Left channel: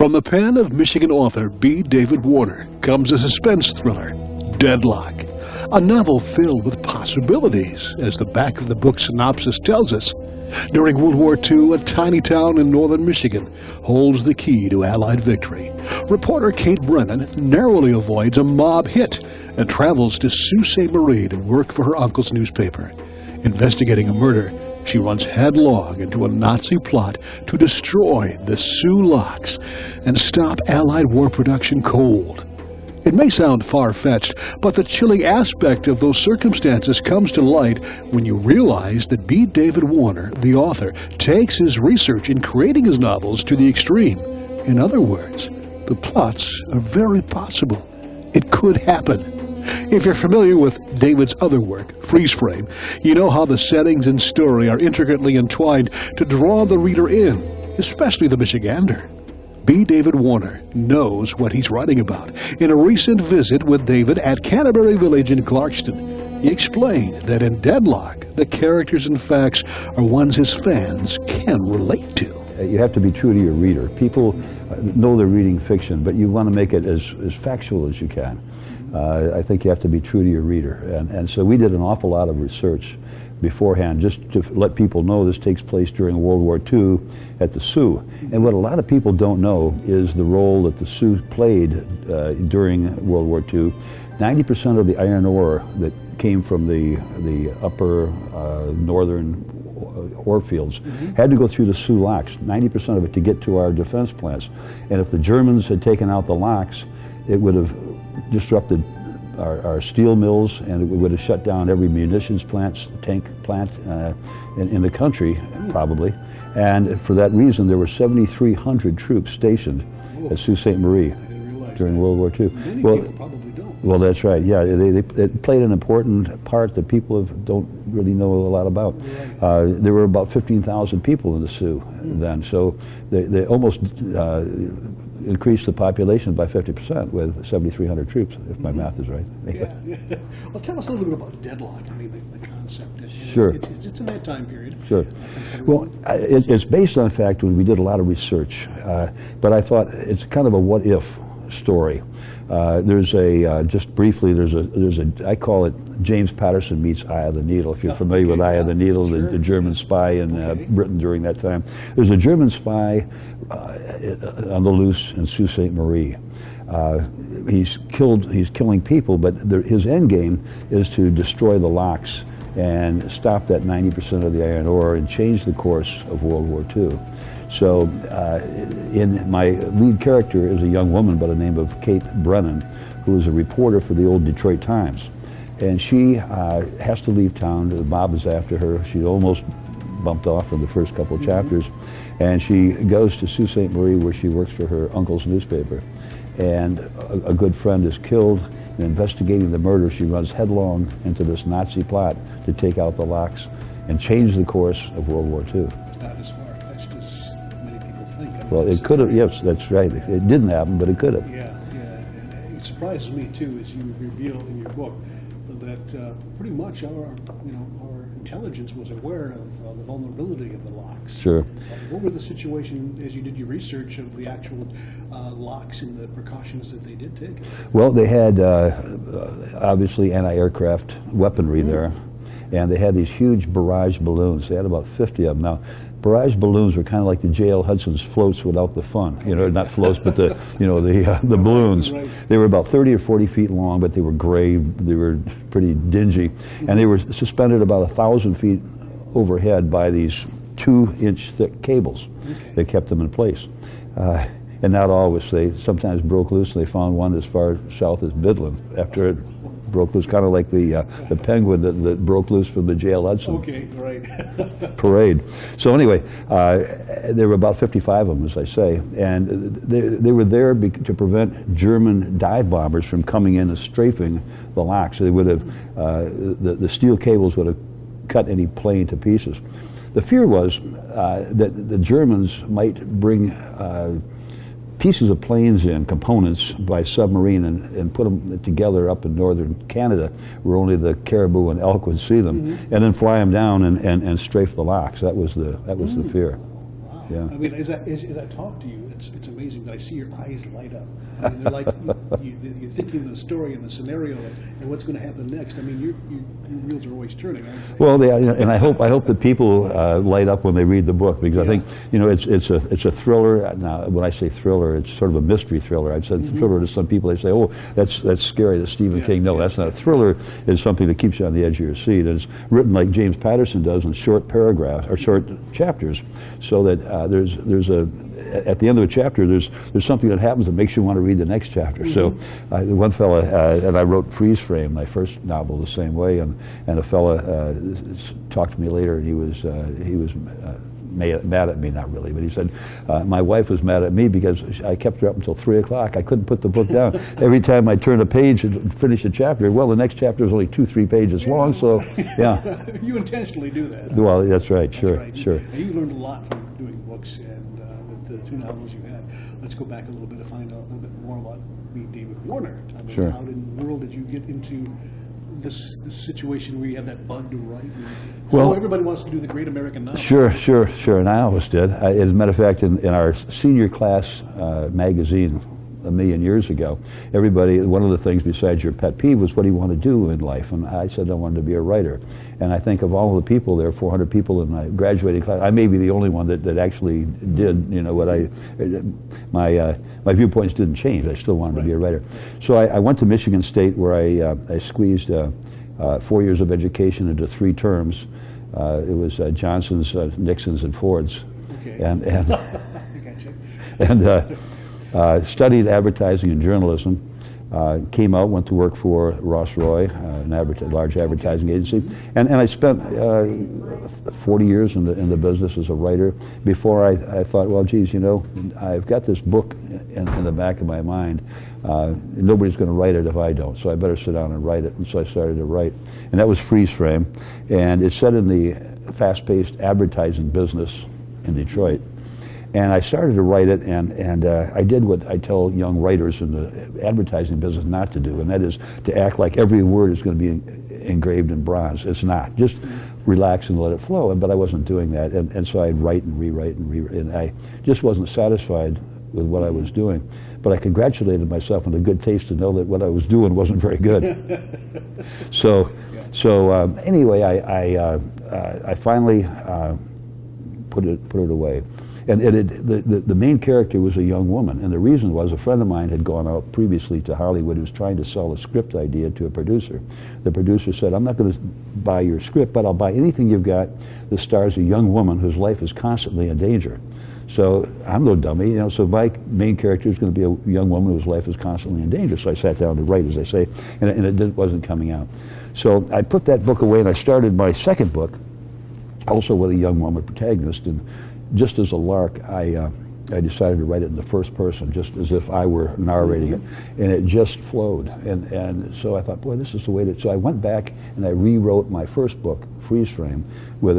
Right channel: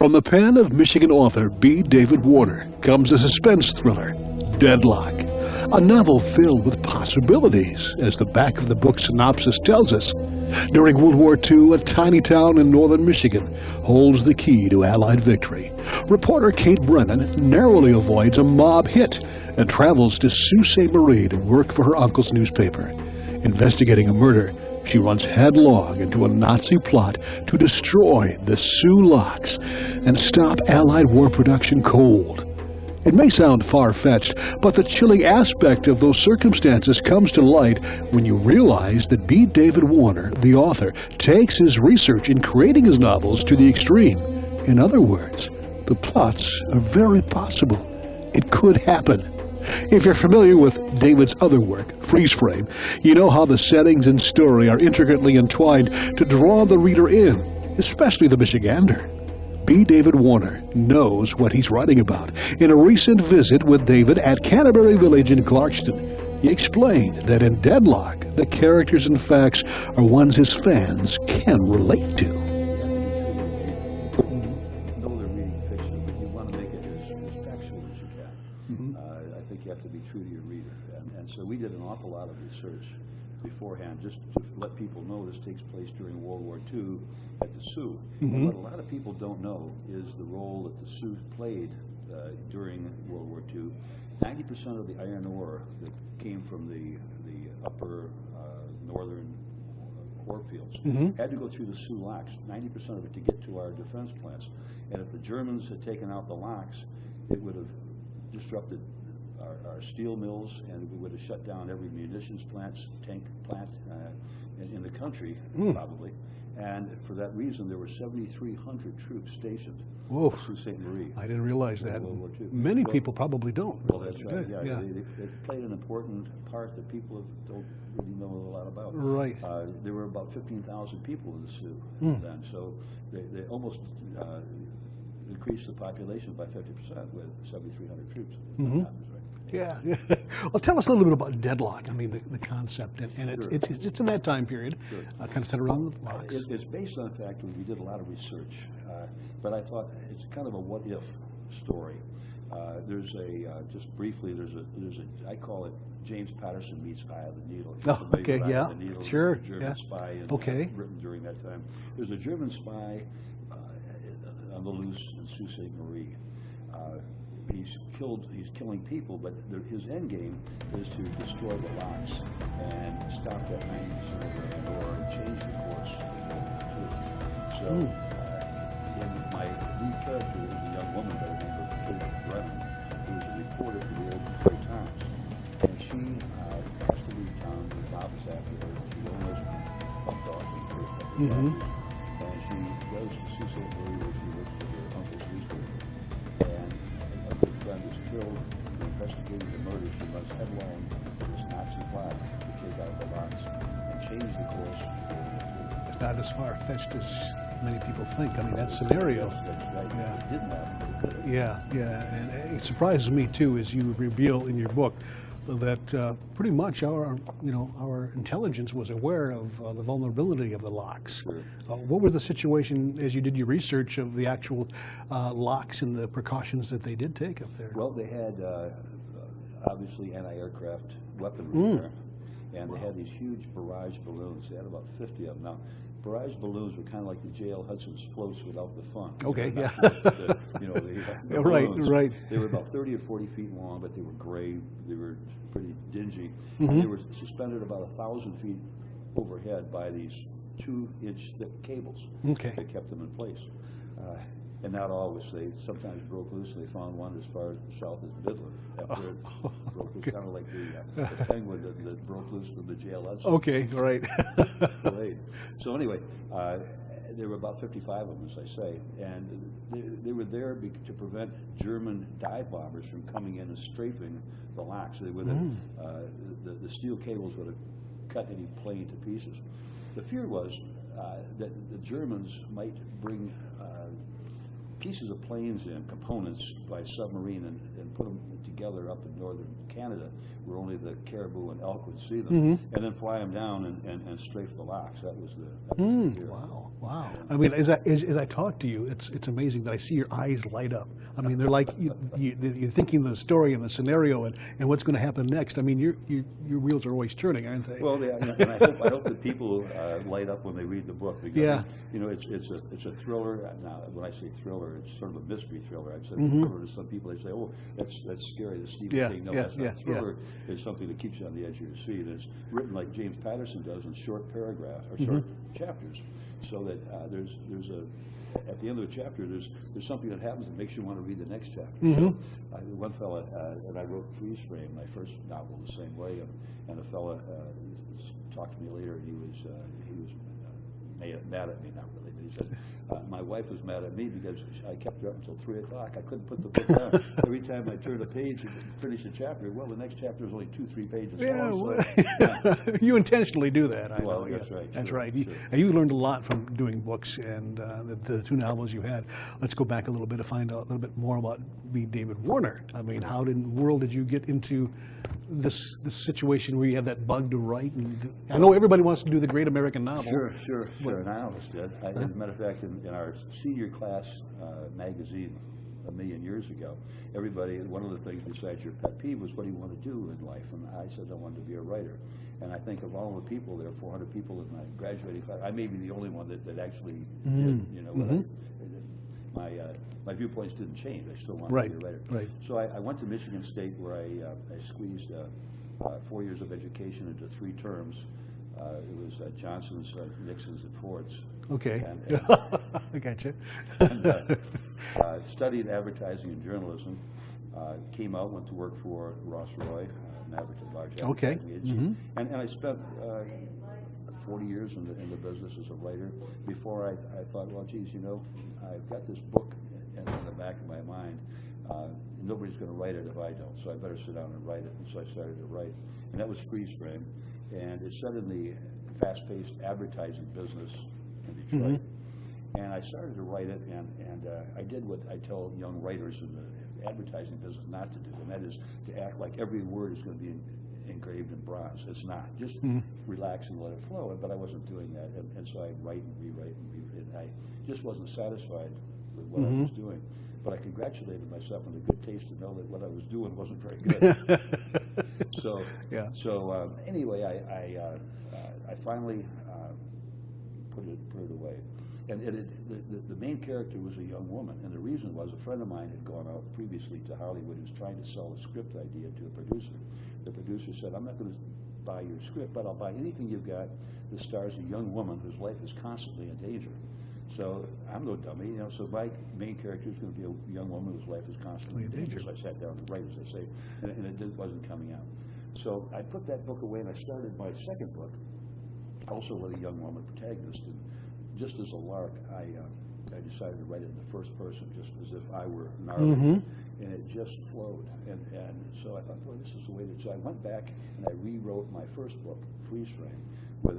From the pen of Michigan author b.David Warner comes a suspense thriller, Deadlock, a novel filled with possibilities, as the back of the book's synopsis tells us. During World War II, a tiny town in northern Michigan holds the key to Allied victory. Reporter Kate Brennan narrowly avoids a mob hit and travels to Sault Ste Marie to work for her uncle's newspaper. Investigating a murder, she runs headlong into a Nazi plot to destroy the Soo locks and stop Allied war production cold. It may sound far-fetched, but the chilling aspect of those circumstances comes to light when you realize that b.David Warner, the author, takes his research in creating his novels to the extreme. In other words, the plots are very possible. It could happen. If you're familiar with David's other work, Freeze Frame, you know how the settings and story are intricately entwined to draw the reader in, especially the Michigander. b.David Warner knows what he's writing about. In a recent visit with David at Canterbury Village in Clarkston, he explained that in Deadlock, the characters and facts are ones his fans can relate to. You have to be true to your reader. People know they're reading fiction, but you want to make it as factual as you can. I think you have to be true to your reader. And so we did an awful lot of research beforehand, just to let people know this takes place during World War II at the Soo. And what a lot of people don't know is the role that the Soo played during World War II. 90% of the iron ore that came from the upper northern ore fields had to go through the Soo locks, 90% of it, to get to our defense plants. And if the Germans had taken out the locks, it would have disrupted our steel mills, and it would have shut down every munitions plant, tank plant in the country, probably. And for that reason, there were 7,300 troops stationed at Sault Ste Marie during World War II. Many people probably don't. Well, that's right. Yeah, they played an important part that people don't really know a lot about. Right. There were about 15,000 people in the Soo then, so they almost increased the population by 50% with 7,300 troops, if my math is right. Yeah. Well, tell us a little bit about Deadlock. I mean, the concept. And sure. It's in that time period. Sure. Well, it's based on fact when we did a lot of research, but I thought it's kind of a what-if story. There's a just briefly. There's a I call it James Patterson meets Eye of the Needle. If you're familiar with Eye of the Needle, the German spy in Britain during that time. There's a German spy on the loose in Sault Ste Marie. He's killing people, but his end game is to destroy the locks and stop that 90% of the iron ore and change the course of World War II. So in my lead character is a young woman by the name of Kate Brennan, who is a reporter for the old Detroit Times. And she has to leave town. The mob is after her. She almost bumped off in the first couple of chapters. And she goes to Sault Ste Marie, where she works for her uncle's newspaper. And a good friend is killed. In investigating the murder, she runs headlong into this Nazi plot to take out the locks and change the course of World War II. It's not as far-fetched as many people think. I mean, well, it could have, yes, that's right. It didn't happen, but it could have. Yeah. And it surprises me, too, as you reveal in your book, that pretty much our intelligence was aware of the vulnerability of the locks. Sure. What was the situation as you did your research of the actual locks and the precautions that they did take? Well, they had obviously anti-aircraft weaponry there, and they had these huge barrage balloons. They had about 50 of them. Now, barrage balloons were kind of like the J.L. Hudson's floats without the fun. You know, not floats, but the the balloons. Right. They were about 30 or 40 feet long, but they were gray. They were pretty dingy, and they were suspended about 1,000 feet overhead by these 2-inch thick cables that kept them in place. And not always. They sometimes broke loose, and they found one as far south as Midland after it broke loose, kind of like the penguin that broke loose from the J.L. Hudson parade. So anyway, there were about 55 of them, as I say, and they were there to prevent German dive bombers from coming in and strafing the locks. So they would have, the steel cables would have cut any plane to pieces. The fear was that the Germans might bring pieces of planes in, components by submarine, and put them together up in northern Canada, where only the caribou and elk would see them, and then fly them down and strafe the locks. That was the fear. Wow. Yeah. I mean, as I talk to you, it's amazing that I see your eyes light up. I mean, they're like you're thinking the story and the scenario and what's going to happen next. I mean, your wheels are always turning, aren't they? Well, and I hope that people light up when they read the book, because I think it's a thriller. Now, when I say thriller, it's sort of a mystery thriller. I've said thriller to some people. They say, "Oh, that's scary. That's Stephen King." No, that's not. A thriller is something that keeps you on the edge of your seat, and it's written like James Patterson does in short paragraphs or short chapters, so that there's at the end of a chapter there's something that happens that makes you want to read the next chapter. So one fella, and I wrote Freeze Frame, my first novel, the same way, and a fella talked to me later, and he was mad at me, not really, but he said, my wife was mad at me because I kept her up until 3 o'clock. I couldn't put the book down. Every time I turned a page and finished a chapter, well, the next chapter is only 2-3 pages long, so, yeah. You intentionally do that. Well, that's right, That's sure, right. sure. Now, you learned a lot from doing books and the 2 novels you had. Let's go back a little bit to find out a little bit more about b.David Warner. I mean, Sure. how in the world did you get into this situation where you have that bug to write? Well, everybody wants to do the great American novel. Sure, and I always did. As a matter of fact, in our senior class magazine a million years ago, everybody, one of the things besides your pet peeve was what do you want to do in life? And I said I wanted to be a writer. And I think of all the people, there are 400 people in my graduating class, I may be the only one that actually did, you know, what my viewpoints didn't change. I still wanted to be a writer. Right. So I went to Michigan State, where I squeezed 4 years of education into 3 terms. It was Johnson's, Nixon's, and Ford's. Okay. And I got you. and studied advertising and journalism. Came out, went to work for Ross Roy, an large advertising agency, and I spent 40 years in the business as a writer before I thought, well, geez, you know, I've got this book in the back of my mind. Nobody's going to write it if I don't, so I better sit down and write it. And so I started to write, and that was Freeze Frame, and it's set in the fast-paced advertising business in Detroit. And I started to write it, and I did what I tell young writers in the advertising business not to do, and that is to act like every word is going to be engraved in bronze. It's not. Just relax and let it flow. But I wasn't doing that, and so I'd write and rewrite and rewrite, and I just wasn't satisfied with what I was doing. But I congratulated myself on the good taste to know that what I was doing wasn't very good. So anyway, I finally put it away. And the main character was a young woman, and the reason was a friend of mine had gone out previously to Hollywood who was trying to sell a script idea to a producer. The producer said, I'm not going to buy your script, but I'll buy anything you've got that stars a young woman whose life is constantly in danger. So I'm no dummy, you know, so my main character is going to be a young woman whose life is constantly in danger. So I sat down to write, as I say, and it wasn't coming out. So I put that book away, and I started my second book, also with a young woman protagonist, and just as a lark, I decided to write it in the first person, just as if I were narrating it, and it just flowed. And so I thought, boy, this is the way to. So I went back and I rewrote my first book, Freeze Frame, with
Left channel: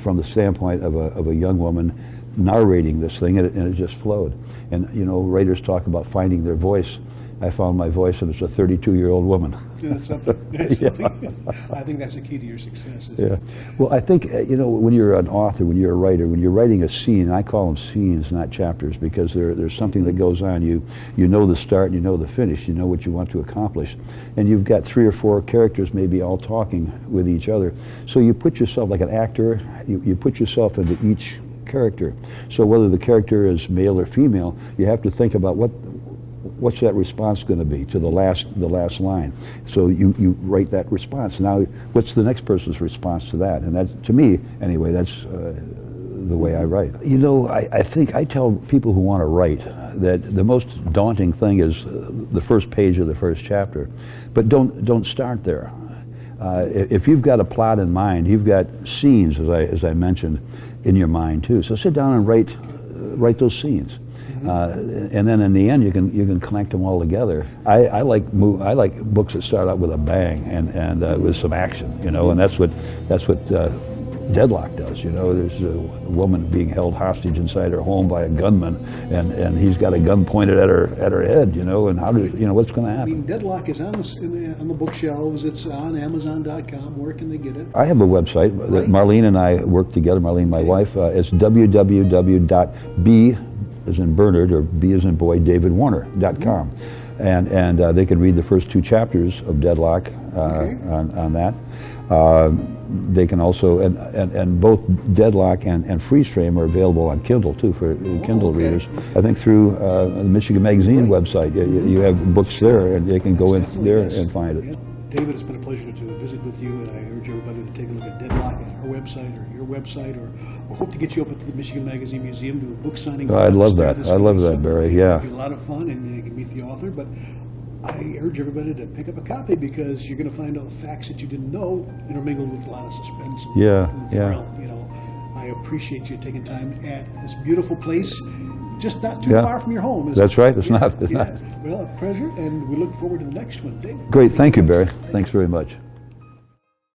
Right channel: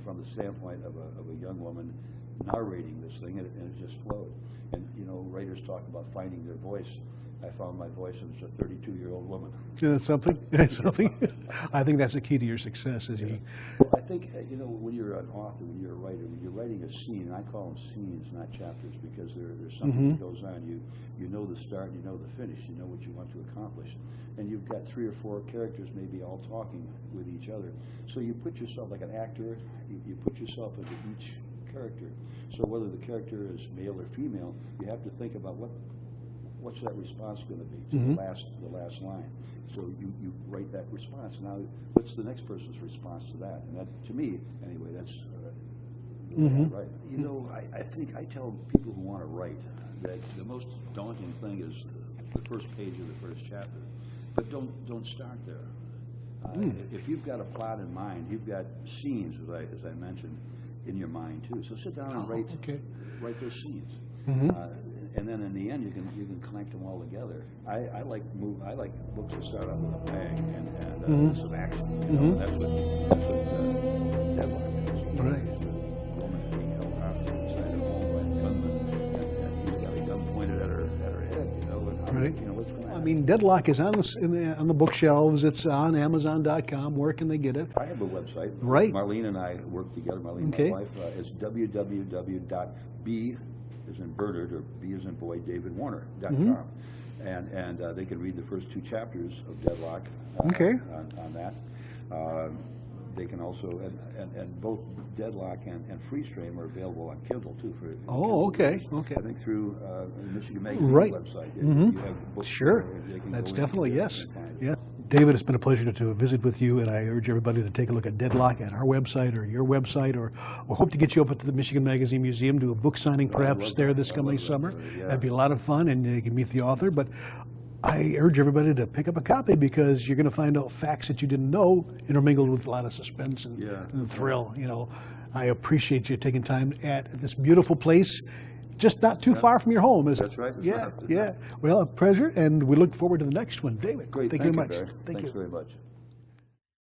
from the standpoint of a young woman narrating this thing, and it just flowed. And you know, writers talk about finding their voice. I found my voice, and it's a 32-year-old woman. That's something. That's something. I think that's the key to your success. Yeah. Well, I think, you know, when you're an author, when you're a writer, when you're writing a scene, and I call them scenes, not chapters, because there's something that goes on. You know the start, and you know the finish. You know what you want to accomplish. And you've got 3 or 4 characters maybe all talking with each other. So you put yourself, like an actor, you put yourself into each character. So whether the character is male or female, you have to think about what's that response going to be to the last line. So you write that response. Now, what's the next person's response to that? And that, to me, anyway, that's the way I write. You know, I think I tell people who want to write that the most daunting thing is the first page of the first chapter, but don't start there. If you've got a plot in mind, you've got scenes, as I mentioned, in your mind too. So sit down and write those scenes. And then in the end, you can connect them all together. I like books that start out with a bang and with some action, you know, and that's what Deadlock does. You know, there's a woman being held hostage inside her home by a gunman, and he's got a gun pointed at her head. You know, and how do you know what's going to happen? I mean, Deadlock is on the bookshelves. It's on Amazon.com. Where can they get it? I have a website. Right. Marlene and I work together. Marlene, my wife. It's www.b as in Bernard or B as in boy davidwarner.com. And they can read the first 2 chapters of Deadlock on that. They can also, and both Deadlock and Freeze Frame are available on Kindle too for Kindle readers. I think through the Michigan Magazine website. You have books there, and they can go in there and find it. Yeah. David, it's been a pleasure to visit with you, and I urge everybody to take a look at Deadlock at our website or your website, or we'll hope to get you up at the Michigan Magazine Museum, do a book signing. I'd love that. I'd love that, Barry. Yeah. It'd be a lot of fun, and you can meet the author. But I urge everybody to pick up a copy because you're going to find out facts that you didn't know intermingled with a lot of suspense and thrill. You know, I appreciate you taking time at this beautiful place. Just not too far from your home, is it? That's right. It's not. Well, a pleasure, and we look forward to the next one, David. Great. Thank you, Barry. Thanks very much.